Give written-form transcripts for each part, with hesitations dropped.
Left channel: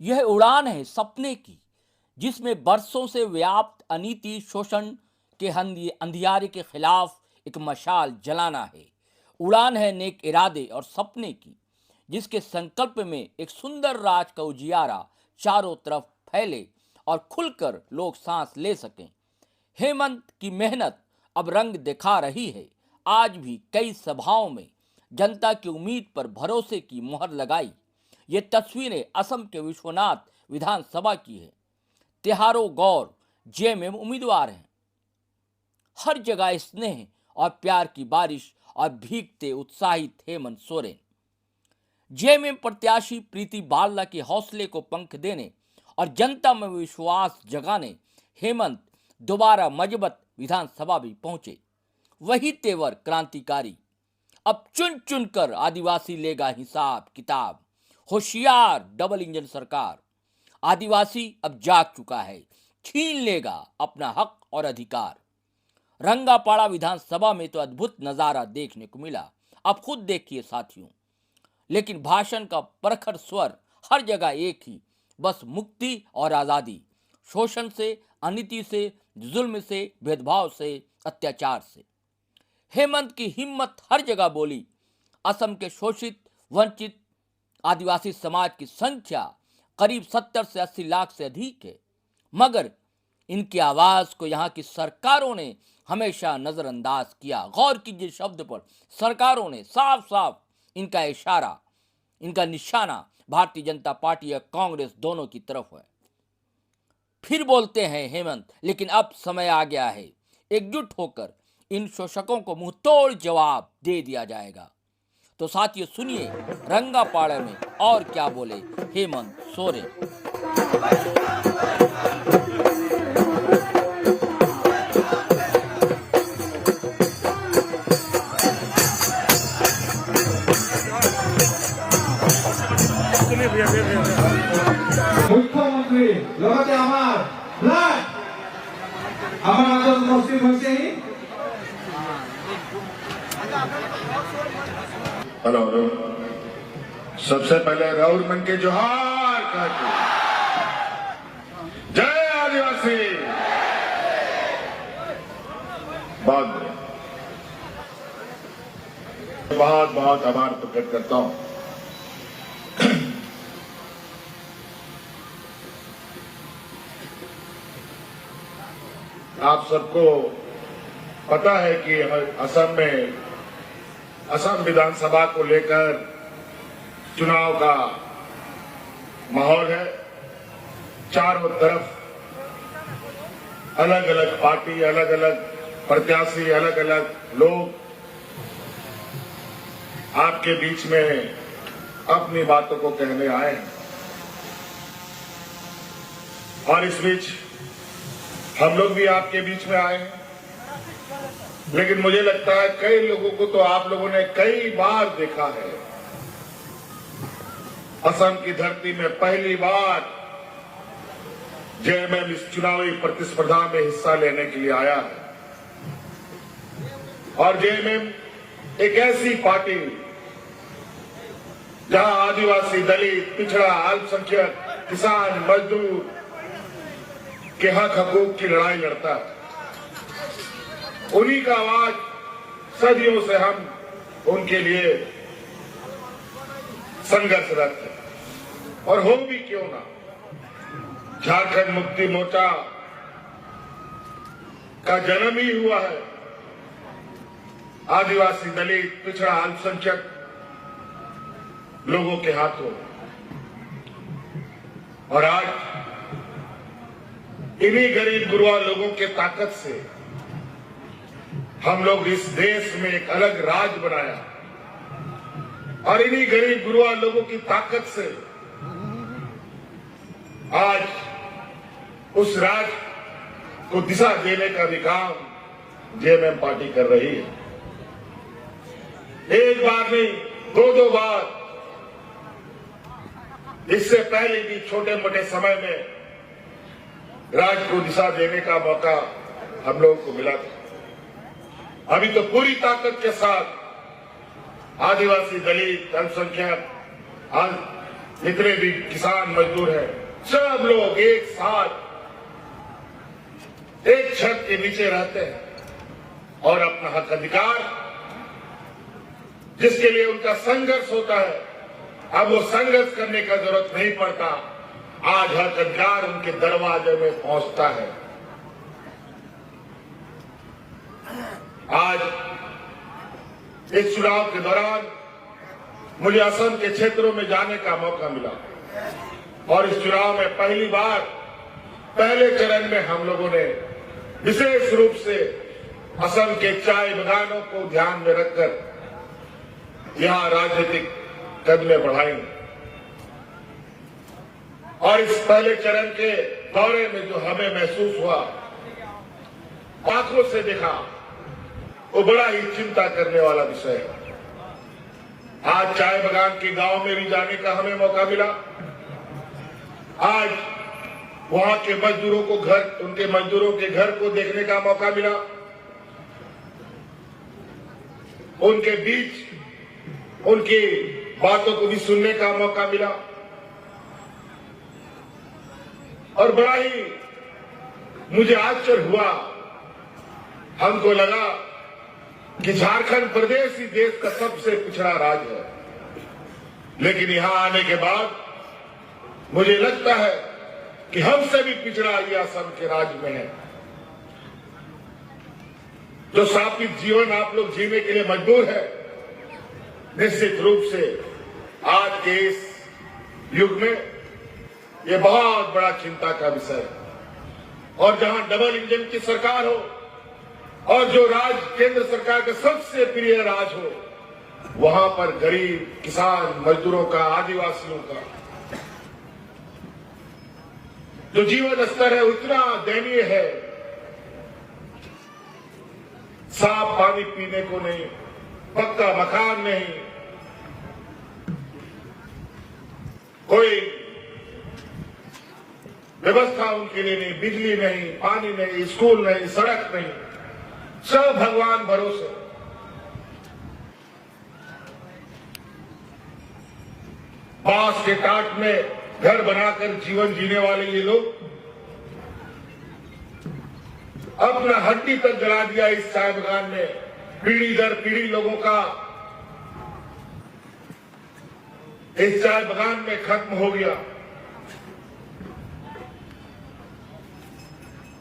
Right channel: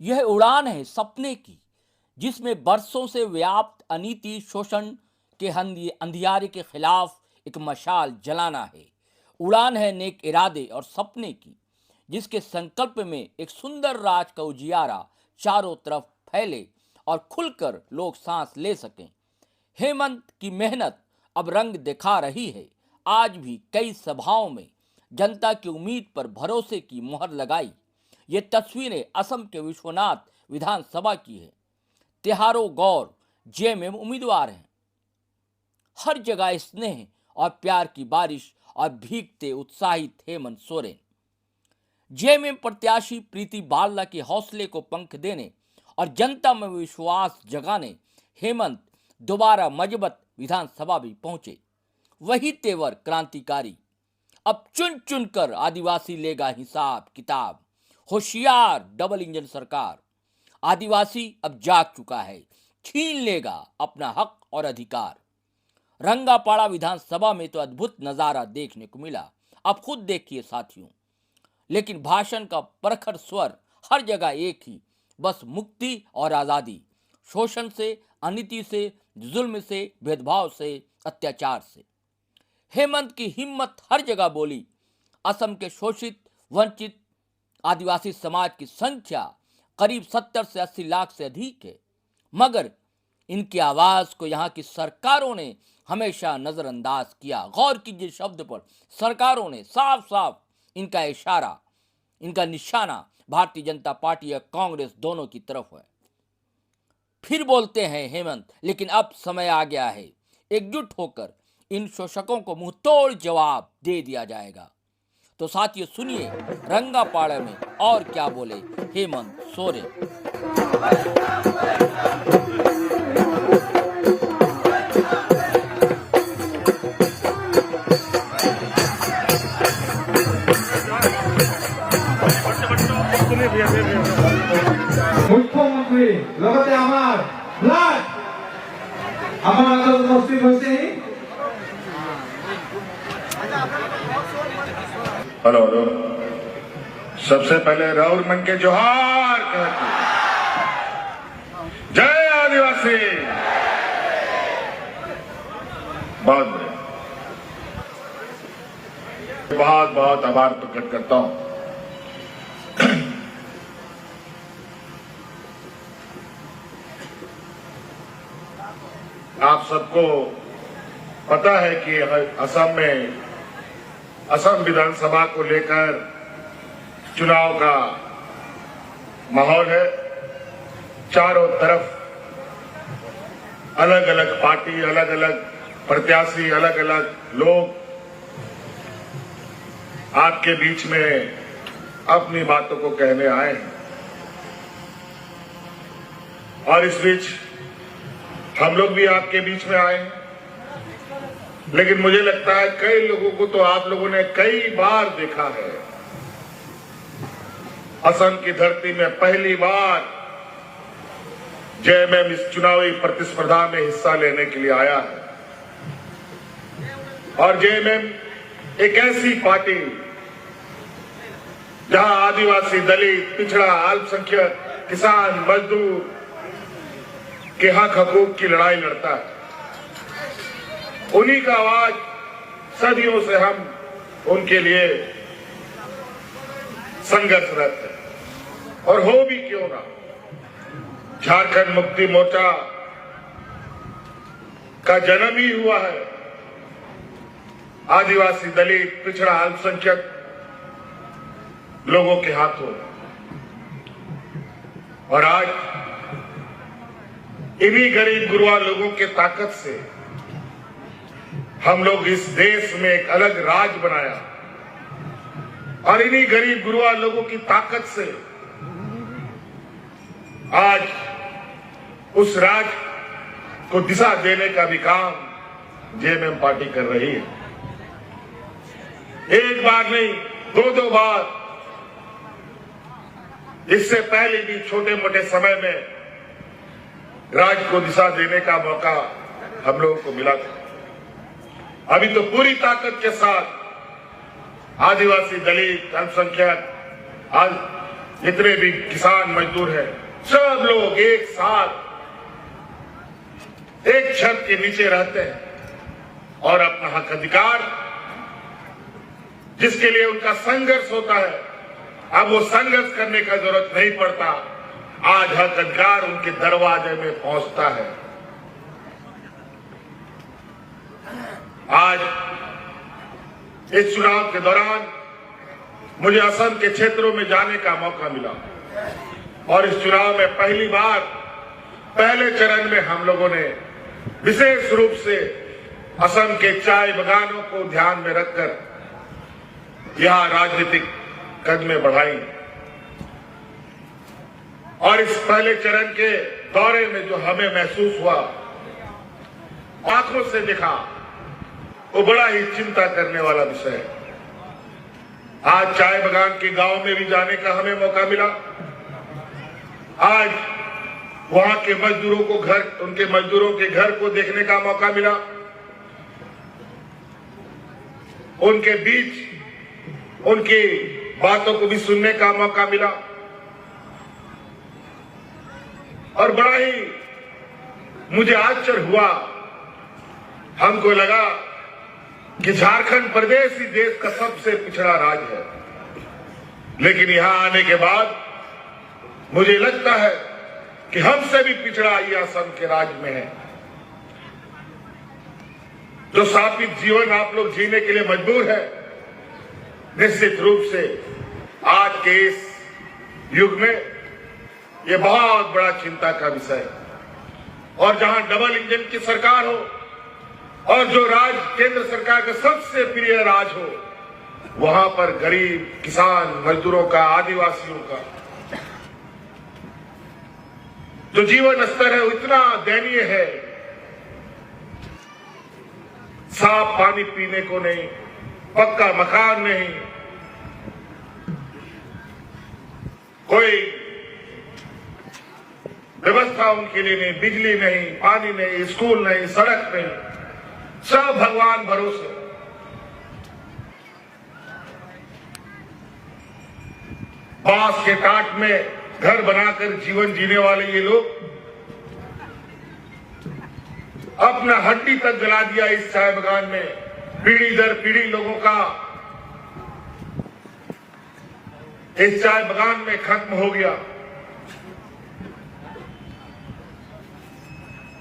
यह उड़ान है सपने की, जिसमें बरसों से व्याप्त अनीति शोषण के अंधियारे के खिलाफ एक मशाल जलाना है। उड़ान है नेक इरादे और सपने की, जिसके संकल्प में एक सुंदर राज का उजियारा चारों तरफ फैले और खुलकर लोग सांस ले सकें। हेमंत की मेहनत अब रंग दिखा रही है। आज भी कई सभाओं में जनता की उम्मीद पर भरोसे की मुहर लगाई। ये तस्वीरें असम के विश्वनाथ विधानसभा की है। तिहारो गौर जेएमएम उम्मीदवार हैं। हर जगह स्नेह और प्यार की बारिश और भीगते उत्साहित हेमंत सोरेन। जेएमएम प्रत्याशी प्रीति बारला के हौसले को पंख देने और जनता में विश्वास जगाने हेमंत दोबारा मजबूत विधानसभा भी पहुंचे। वही तेवर क्रांतिकारी। अब चुन चुन कर आदिवासी लेगा हिसाब किताब। होशियार डबल इंजन सरकार। आदिवासी अब जाग चुका है, छीन लेगा अपना हक और अधिकार। रंगापाड़ा विधानसभा में तो अद्भुत नजारा देखने को मिला। अब खुद देखिए साथियों। लेकिन भाषण का प्रखर स्वर हर जगह एक ही, बस मुक्ति और आजादी। शोषण से, अनीति से, जुल्म से, भेदभाव से, अत्याचार से। हेमंत की हिम्मत हर जगह बोली। असम के शोषित वंचित आदिवासी समाज की संख्या करीब 70 से 80 लाख से अधिक है, मगर इनकी आवाज को यहाँ की सरकारों ने हमेशा नजरअंदाज किया। गौर कीजिए शब्द पर, सरकारों ने साफ साफ इनका इशारा, इनका निशाना भारतीय जनता पार्टी या कांग्रेस दोनों की तरफ है। फिर बोलते हैं हेमंत, लेकिन अब समय आ गया है, एकजुट होकर इन शोषकों को मुंहतोड़ जवाब दे दिया जाएगा। तो साथियों सुनिए रंगापाड़ा में और क्या बोले हेमंत सोरेन। মুখ্যমন্ত্রী লগতে আমার ব্লাড আমার আন্দোলন উপস্থিত হয়েছে। हेलो हेलो, सबसे पहले राहुल मन के जोहार जय आदिवासी। बाद में बहुत बहुत आभार प्रकट करता हूं। आप सबको पता है कि असम में असम विधानसभा को लेकर चुनाव का माहौल है। चारों तरफ अलग अलग पार्टी, अलग अलग प्रत्याशी, अलग अलग लोग आपके बीच में अपनी बातों को कहने आए हैं। और इस बीच हम लोग भी आपके बीच में आए हैं। लेकिन मुझे लगता है कई लोगों को तो आप लोगों ने कई बार देखा है। असम की धरती में पहली बार जेएमएम इस चुनावी प्रतिस्पर्धा में हिस्सा लेने के लिए आया है। और जेएमएम एक ऐसी पार्टी जहां आदिवासी, दलित, पिछड़ा, अल्पसंख्यक, किसान, मजदूर के हक हकूक की लड़ाई लड़ता है। उन्हीं का आवाज सदियों से हम उनके लिए संघर्षरत है। और हो भी क्यों ना, झारखंड मुक्ति मोर्चा का जन्म ही हुआ है आदिवासी, दलित, पिछड़ा, अल्पसंख्यक लोगों के हाथों। और आज इन्हीं गरीब गुरुआ लोगों के ताकत से हम लोग इस देश में एक अलग राज बनाया। और इन्हीं गरीब गुरुआ लोगों की ताकत से आज उस राज को दिशा देने का भी काम जेएमएम पार्टी कर रही है। एक बार नहीं, दो बार। इससे पहले भी छोटे मोटे समय में राज को दिशा देने का मौका हम लोगों को मिला था। अभी तो पूरी ताकत के साथ आदिवासी, दलित, अल्पसंख्यक, जितने भी किसान मजदूर हैं, सब लोग एक साथ एक छत के नीचे रहते हैं और अपना हक अधिकार जिसके लिए उनका संघर्ष होता है, अब वो संघर्ष करने का जरूरत नहीं पड़ता। आज हक अधिकार उनके दरवाजे में पहुंचता है। आज इस चुनाव के दौरान मुझे असम के क्षेत्रों में जाने का मौका मिला और इस चुनाव में पहली बार पहले चरण में हम लोगों ने विशेष रूप से असम के चाय बागानों को ध्यान में रखकर यहां राजनीतिक कदमें बढ़ाई और इस पहले चरण के दौरे में जो हमें महसूस हुआ, आंखों से देखा, वो बड़ा ही चिंता करने वाला विषय है। आज चाय बागान के गांव में भी जाने का हमें मौका मिला। आज वहां के मजदूरों को उनके मजदूरों के घर को देखने का मौका मिला। उनके बीच उनकी बातों को भी सुनने का मौका मिला और बड़ा ही मुझे आश्चर्य हुआ। हमको लगा कि झारखंड प्रदेश ही देश का सबसे पिछड़ा राज्य है, लेकिन यहां आने के बाद मुझे लगता है कि हमसे भी पिछड़ा ये असम के राज्य में है। जो सात्विक जीवन आप लोग जीने के लिए मजबूर है, निश्चित रूप से आज के इस युग में ये बहुत बड़ा चिंता का विषय है। और जहां डबल इंजन की सरकार हो और जो राज केंद्र सरकार का सबसे प्रिय राज हो, वहां पर गरीब किसान मजदूरों का, आदिवासियों का जो जीवन स्तर है वो इतना दयनीय है। साफ पानी पीने को नहीं, पक्का मकान नहीं, कोई व्यवस्था उनके लिए नहीं, बिजली नहीं, पानी नहीं, स्कूल नहीं, सड़क नहीं, सब भगवान भरोसे। बांस के काट में घर बनाकर जीवन जीने वाले ये लोग अपना हड्डी तक जला दिया इस चाय बागान में। पीढ़ी दर पीढ़ी लोगों का इस चाय बागान में खत्म हो गया।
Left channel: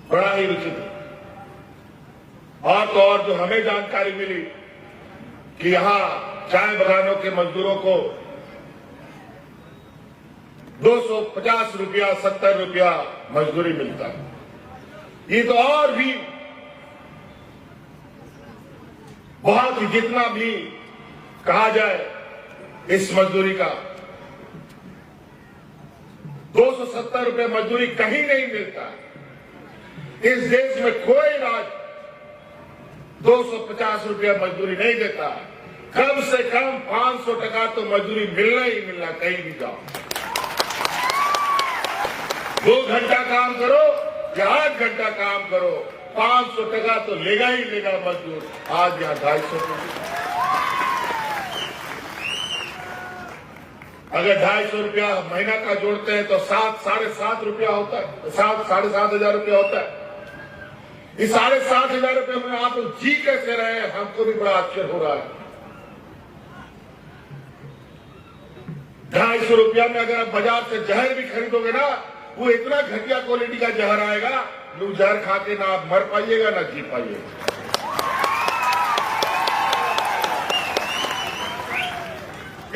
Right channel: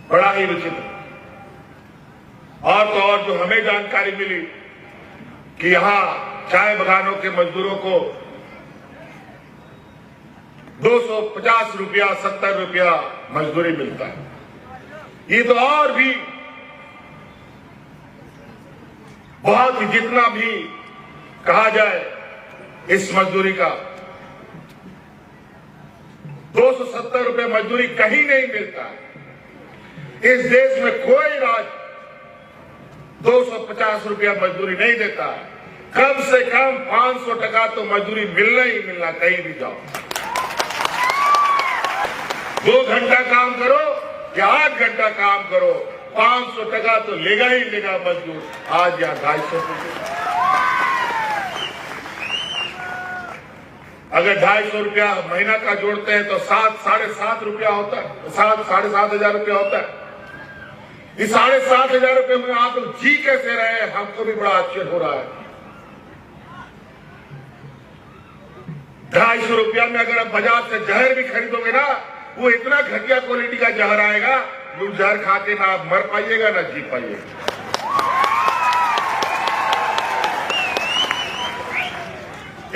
बड़ा ही विचित्र। और तो और जो हमें जानकारी मिली कि यहां चाय बागानों के मजदूरों को 250 रुपया, 70 रुपया मजदूरी मिलता है। ये तो और भी बहुत, जितना भी कहा जाए इस मजदूरी का, 270 रुपये मजदूरी कहीं नहीं मिलता। इस देश में कोई राज्य 250 रुपया मजदूरी नहीं देता। कम से कम 500 टका तो मजदूरी मिलना ही मिलना, कहीं भी जाओ। 2 घंटा काम करो या 8 घंटा काम करो, 500 टका तो लेगा ही लेगा मजदूर। आज या 250 रुपये, अगर 250 रुपया महीना का जोड़ते हैं तो 7-7.5 रुपया होता है, 7-7.5 रुपया होता है। इस 7.5 रुपये में आप लोग जी कैसे रहे, हमको भी बड़ा आश्चर्य हो रहा है। 250 रुपया में अगर आप बाजार से जहर भी खरीदोगे ना, वो इतना घटिया क्वालिटी का जहर आएगा, लोग जहर खा के ना आप मर पाइएगा ना जी पाइएगा।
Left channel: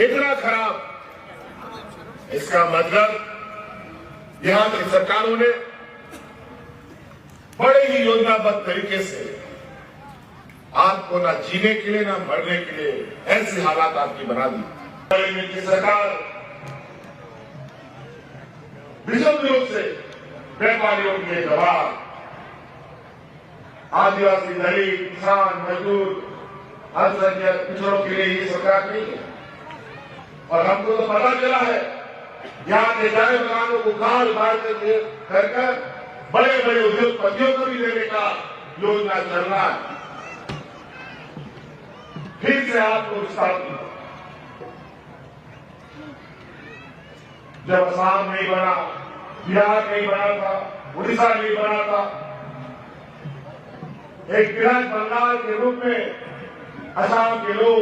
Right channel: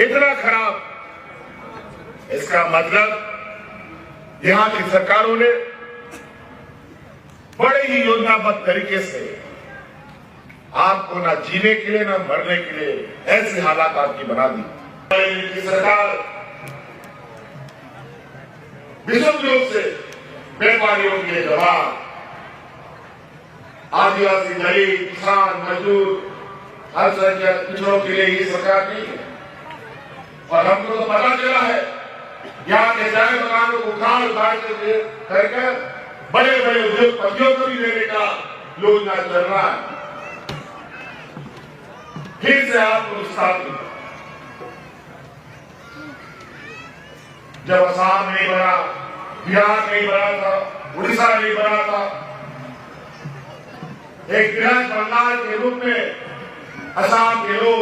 इतना खराब। इसका मतलब यहां की सरकारों ने बड़े ही योजनाबद्ध तरीके से आपको ना जीने के लिए ना मरने के लिए ऐसी हालात आपकी बना दी। इनकी सरकार विशुद्ध रूप से व्यापारियों के लिए जवाब, आदिवासी, दलित, किसान, मजदूर, अल्पसंख्यक पिछड़ों के लिए ये सरकार नहीं है। और हमको तो पता चला है यहाँ के चाय बागानों को खाल बांट करके बड़े बड़े उद्योगपतियों को भी लेने का योजना चल रहा है। फिर से आपको स्थापित जब असम नहीं बना, बिहार नहीं बना था, उड़ीसा नहीं बना था, एक बृहद बंगाल के रूप में असम के लोग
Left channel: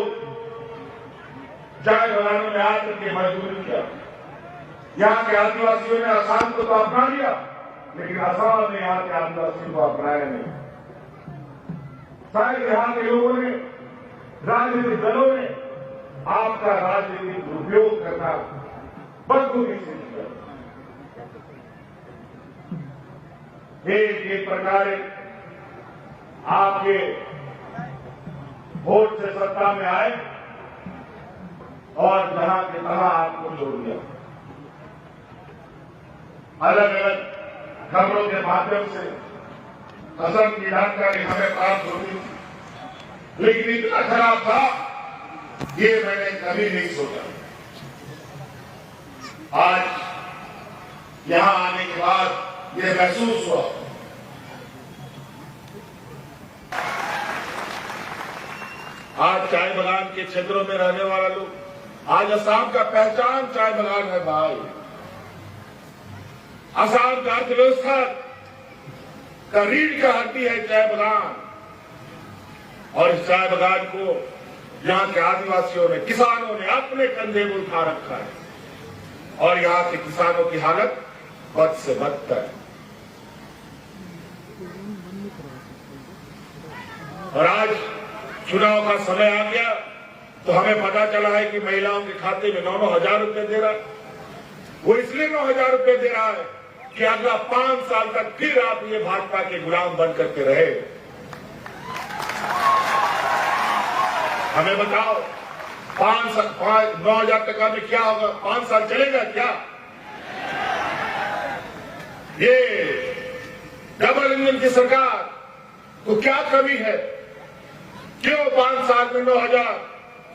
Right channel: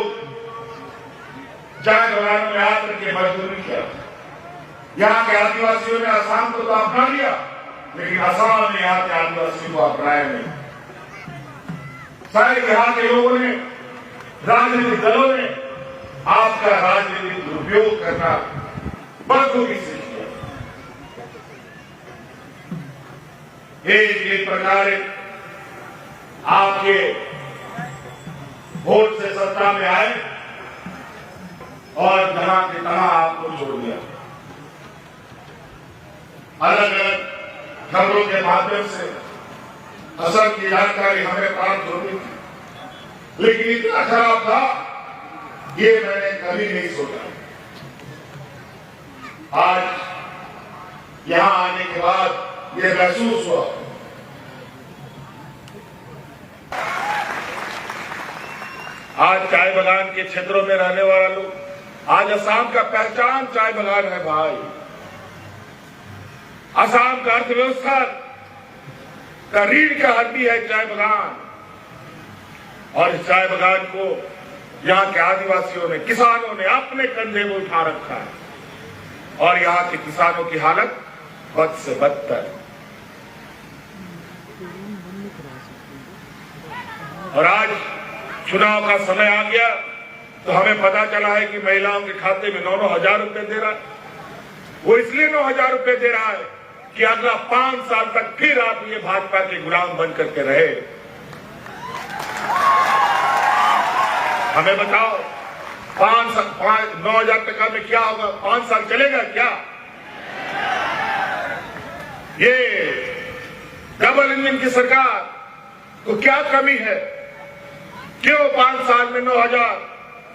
चाय बगानों में आकर के मजदूरी किया। यहाँ के आदिवासियों ने असम को तो अपना लिया, लेकिन असम ने यहाँ के आदिवासियों को अपनाया नहीं। सारे यहाँ के लोगों ने, राजनीतिक दलों ने आपका राजनीतिक दुरुपयोग करना बखूबी से किया। एक प्रकार आपके वोट से सत्ता में आए और जहां के तहां आपको छोड़ दिया। अलग अलग खबरों के माध्यम से असम की जानकारी हमें प्राप्त होती, लेकिन इतना खराब था ये मैंने कभी नहीं सोचा। आज यहां आने के बाद ये महसूस हुआ। आज चाय बगान के क्षेत्रों में रहने वाला लोग, आज असम का पहचान चाय बगान है भाई। असम का अर्थव्यवस्था का रीढ़ का हड्डी है चाय बगान, और इस चाय बगान को यहाँ के आदिवासियों ने, किसानों ने अपने कंधे में उठा रखा है, और यहाँ के किसानों की हालत बद से बदतर है। और आज चुनाव का समय आ गया तो हमें पता चला है कि महिलाओं के खाते में 9-9 हजार रुपए दे रहा है। वो इसलिए 9 हजार रुपए दे रहा है कि अगला 5 साल तक फिर आप ये भाजपा के गुलाम बन करके रहे। हमें बताओ, 9 हजार टका में क्या होगा? 5 साल चलेगा क्या? ये डबल इंजन की सरकार को क्या कमी है? क्यों 5 साल में 9 हजार?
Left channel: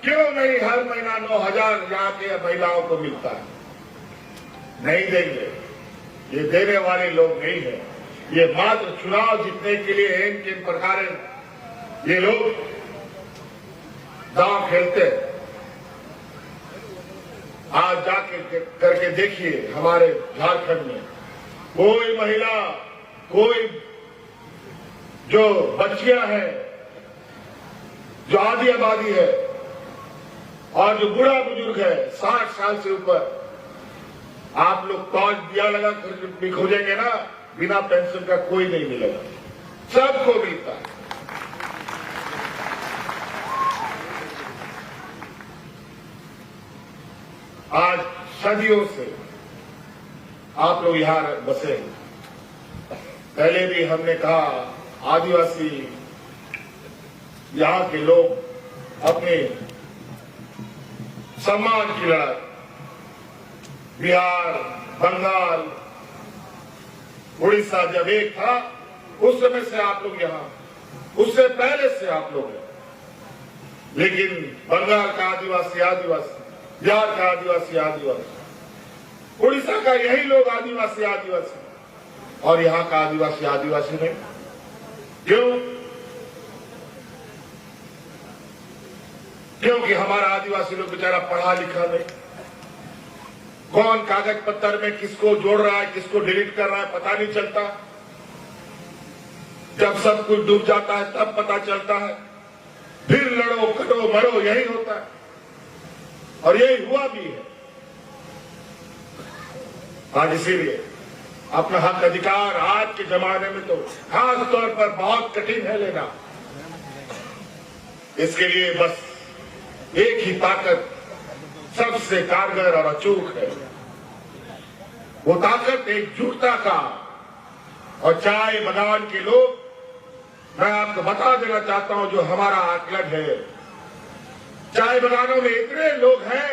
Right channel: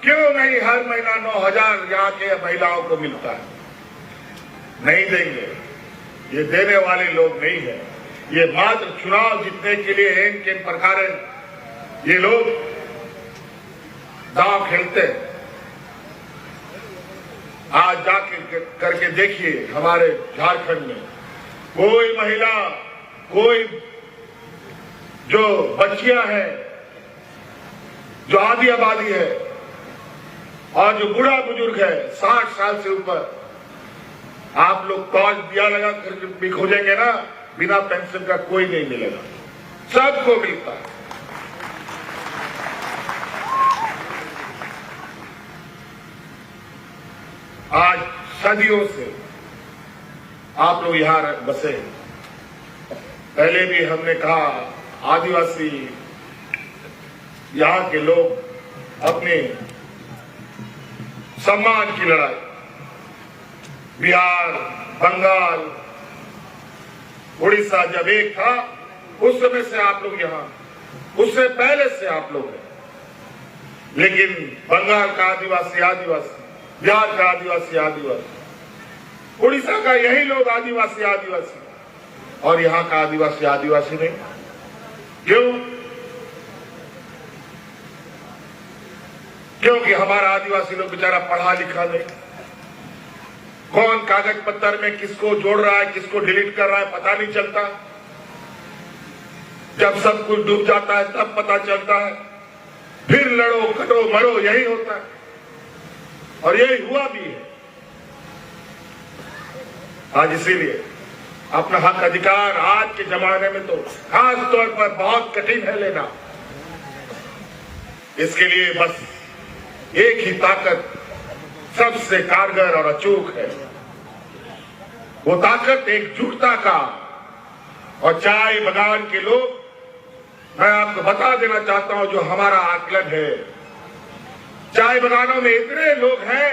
क्यों नहीं हर महीना 9 हजार यहाँ के महिलाओं को मिलता है? नहीं देंगे, ये देने वाले लोग नहीं है। ये मात्र चुनाव जीतने के लिए एन के प्रकार ये लोग दांव खेलते हैं। आज जाके करके देखिए, हमारे झारखंड में कोई महिला, कोई जो बच्चियां हैं, जो आधी आबादी है, और जो बूढ़ा बुजुर्ग है 60 साल से ऊपर, आप लोग 5 दिया लगा करके भी खोजेंगे ना, बिना पेंशन का कोई नहीं मिलेगा, सबको मिलता है। आज सदियों से आप लोग यहां बसे। पहले भी हमने कहा, आदिवासी यहां के लोग अपने सम्मान की लड़ाई बिहार, बंगाल, उड़ीसा जब एक था, उस समय से आप लोग यहां, उससे पहले से आप लोग हैं। लेकिन बंगाल का आदिवासी आदिवासी, बिहार का आदिवासी आदिवासी, उड़ीसा का यही लोग आदिवासी आदिवासी, और यहां का आदिवासी आदिवासी नहीं। क्यों? क्योंकि हमारा आदिवासी लोग बेचारा पढ़ा लिखा नहीं। कौन कागज पत्तर में किसको जोड़ रहा है, किसको डिलीट कर रहा है, पता नहीं चलता। जब सब कुछ डूब जाता है तब पता चलता है। फिर लड़ो, कटो, मरो, यही होता है, और यही हुआ भी है। आज इसीलिए अपना हक अधिकार आज के जमाने में तो खास तौर पर बहुत कठिन है लेना। इसके लिए बस एक ही ताकत सबसे कारगर और अचूक है, वो ताकत एकजुटता का। और चाय बगान के लोग, मैं आपको बता देना चाहता हूं जो हमारा आकलन है, चाय बगानों में इतने लोग हैं,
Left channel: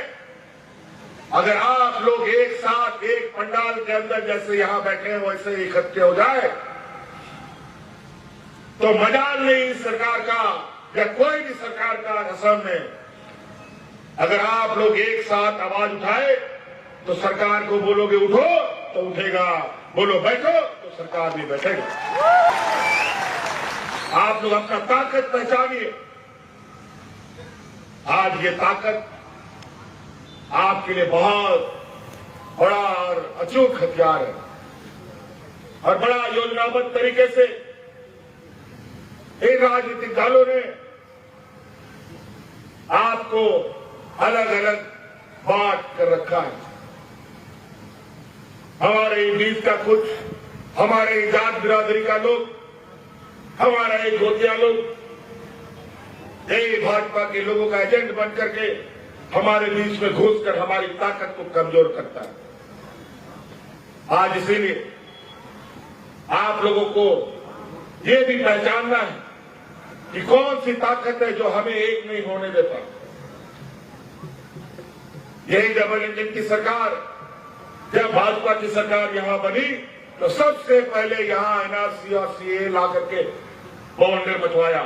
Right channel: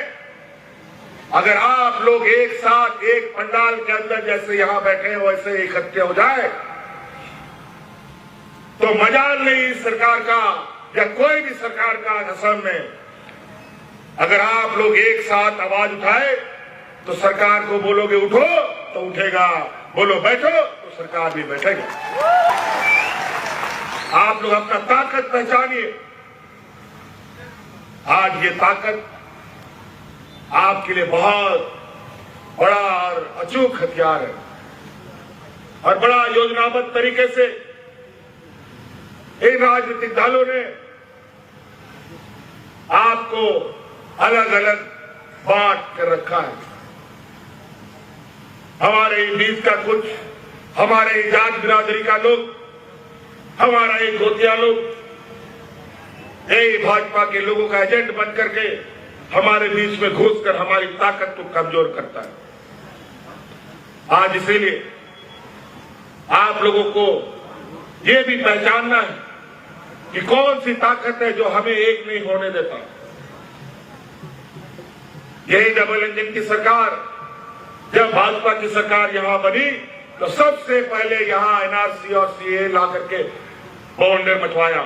अगर आप लोग एक साथ एक पंडाल के अंदर जैसे यहां बैठे हैं वैसे इकट्ठे हो जाए तो मजाल नहीं सरकार का या कोई भी सरकार का असम में। अगर आप लोग एक साथ आवाज उठाए तो सरकार को बोलोगे उठो तो उठेगा, बोलो बैठो तो सरकार भी बैठेगा। आप लोग अपना ताकत पहचानिए। आज ये ताकत आपके लिए बहुत बड़ा और अचूक हथियार है और बड़ा योजनाबद्ध तरीके से इन राजनीतिक दलों ने आपको अलग अलग बांट कर रखा है। हमारे बीच का कुछ हमारे जात बिरादरी का लोग, हमारा एक गोतिया लोग यही भाजपा के लोगों का एजेंट बन करके हमारे बीच में घुसकर हमारी ताकत को कमजोर करता है। आज इसीलिए आप लोगों को ये भी पहचानना है कि कौन सी ताकत है जो हमें एक नहीं होने देता। यही डबल इंजन की सरकार, जब भाजपा की सरकार यहां बनी तो सबसे पहले यहां एनआरसी और सीए ला करके बौंडे मचवाया।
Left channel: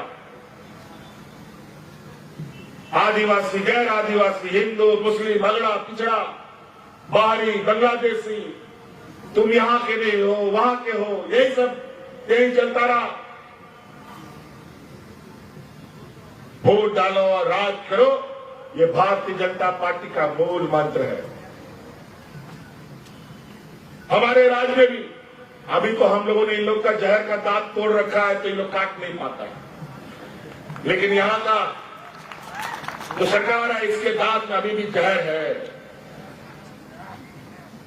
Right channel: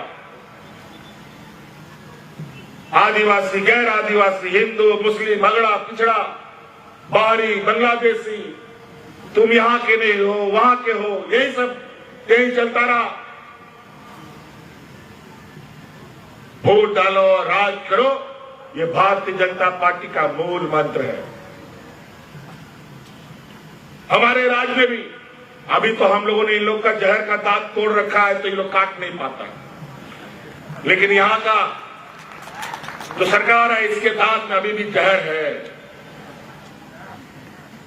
आदिवासी, गैर आदिवासी, हिंदू, मुस्लिम, अगड़ा, पिछड़ा, बाहरी, बांग्लादेशी, तुम यहां के नहीं हो, वहां के हो, यही सब यही चलता रहा। वोट डालो और राज करो, ये भारतीय जनता पार्टी का मूल मंत्र है। हमारे राज्य में भी अभी तो हम लोगों ने इन लोग का जहर का दांत तोड़ रखा है तो ये लोग काट नहीं पाता, लेकिन यहां का जो सरकार है इसके दांत में अभी भी जहर है।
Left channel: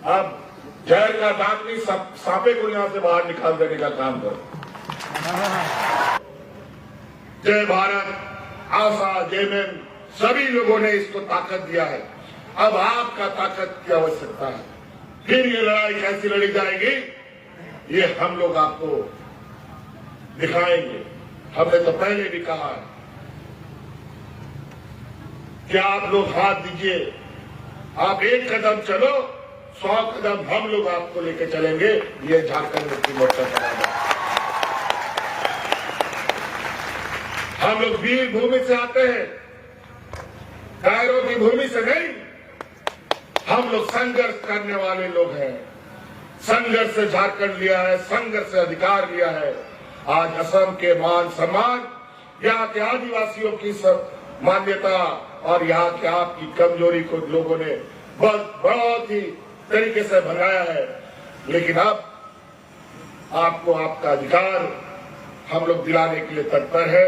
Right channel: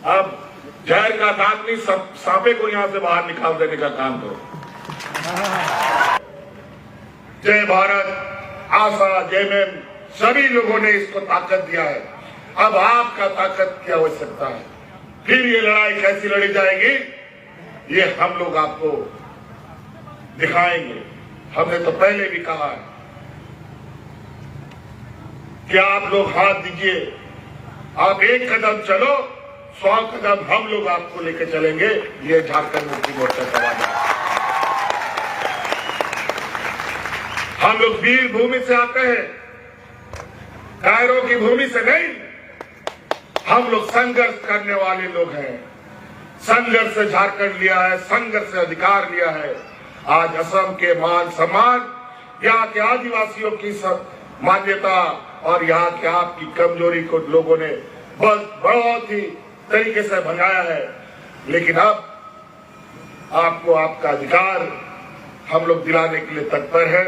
अब जहर का दांत नहीं, सांपे को यहां से बाहर निकाल देने का काम करो। जय भारत, आशा, जेएमएम सभी लोगों ने इसको ताकत दिया है। अब आपका ताकत की आवश्यकता है। फिर ये लड़ाई कैसी लड़ी जाएगी ये हम लोग आपको दिखाएंगे। हमने तो पहले भी कहा है कि आप लोग हाथ दीजिए, आप एक कदम चलो, 100 कदम हम लोग आपको लेकर चलेंगे। ये झारखंड मुक्ति मोर्चा चलाएगा। हम लोग वीर भूमि से आते हैं, कायरों की भूमि से नहीं। हम लोग संघर्ष करने वाले लोग हैं। संघर्ष से झारखंड लिया है, संघर्ष से अधिकार लिया है। आज असम के मान सम्मान, यहाँ के आदिवासियों की मान्यता और यहाँ के आपकी कमजोरी को लोगों ने बहुत ही तरीके से भगाया है। लेकिन अब आपको आपका अधिकार हम लोग दिलाने के लिए तत्पर है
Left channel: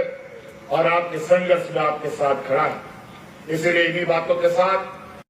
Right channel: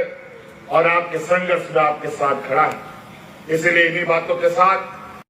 और आपके संघर्ष में आपके साथ खड़ा है। इसलिए इन्हीं बातों के साथ